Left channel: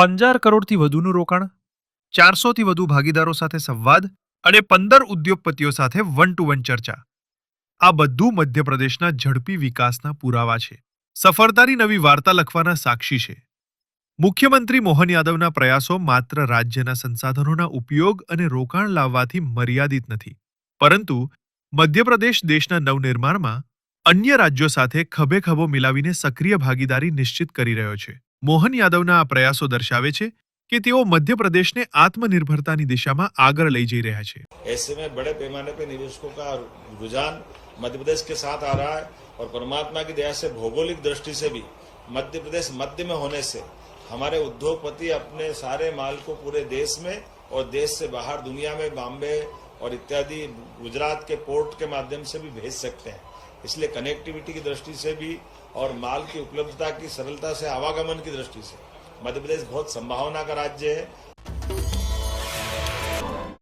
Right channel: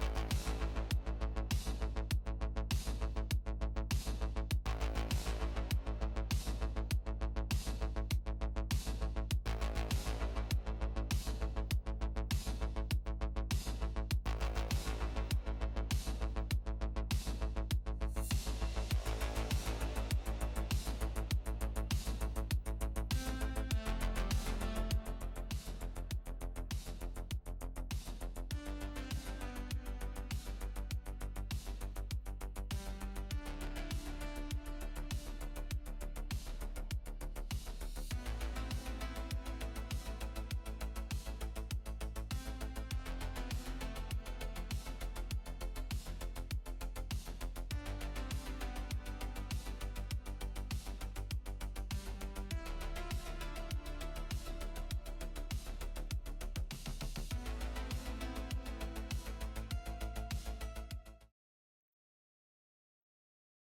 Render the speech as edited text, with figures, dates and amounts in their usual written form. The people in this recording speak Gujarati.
15 કરોડથી વધુનું રોકાણ, 400થી વધુ ભાગીદારો સાથે સંવાદ અને 15 ઉદ્યોગપતિઓ સાથે વન ટુ વન ચર્ચા. આ બધું મધ્યપ્રદેશના ઝડપી વિકાસના પુરાવા છે, સફળતાની નવી વાર્તા લખવાના સાક્ષી છે. મુખ્યમંત્રી મોહન યાદવના પ્રયાસો માત્ર રાજ્યના સંસાધનોના ઉપયોગ અને રોકાણ લાવવાથી મર્યાદિત નથી, પરંતુ મધ્યપ્રદેશ દેશના નવનિર્માણમાં અન્ય રાજ્યો સાથે ખભે ખભો મિલાવીને સક્રિય ભાગીદારી નિશ્ચિત કરી રહ્યો છે. મોહન યાદવના આ પ્રયાસો દર્શાવે છે कि તેઓ મધ્યપ્રદેશને આત્મનિર્ભરતાની દિશામાં આગળ લઈ જઈ રહ્યા છે. ऐसे में बड़े पैमाने पे निवेशकों का रुझान मध्य प्रदेश के साथ आ रहा है और परमात्मा की दया से भौगोलिक दृष्टि से भी मध्य प्रदेश मध्य में होने से हमारे उद्योगपति अपने सारे माल को पूरे देश में और देश से बाहर दुनिया में बॉम्बे और इत्यादि गुजरात के पोर्ट के माध्यम से भी भेज सकते हैं. इसलिए कनेक्टिविटी की दृष्टि से भी और माल की उपलब्धता की सरलता से आवागमन की दृष्टि से मध्य प्रदेश बहुत संभावना का राज्य है.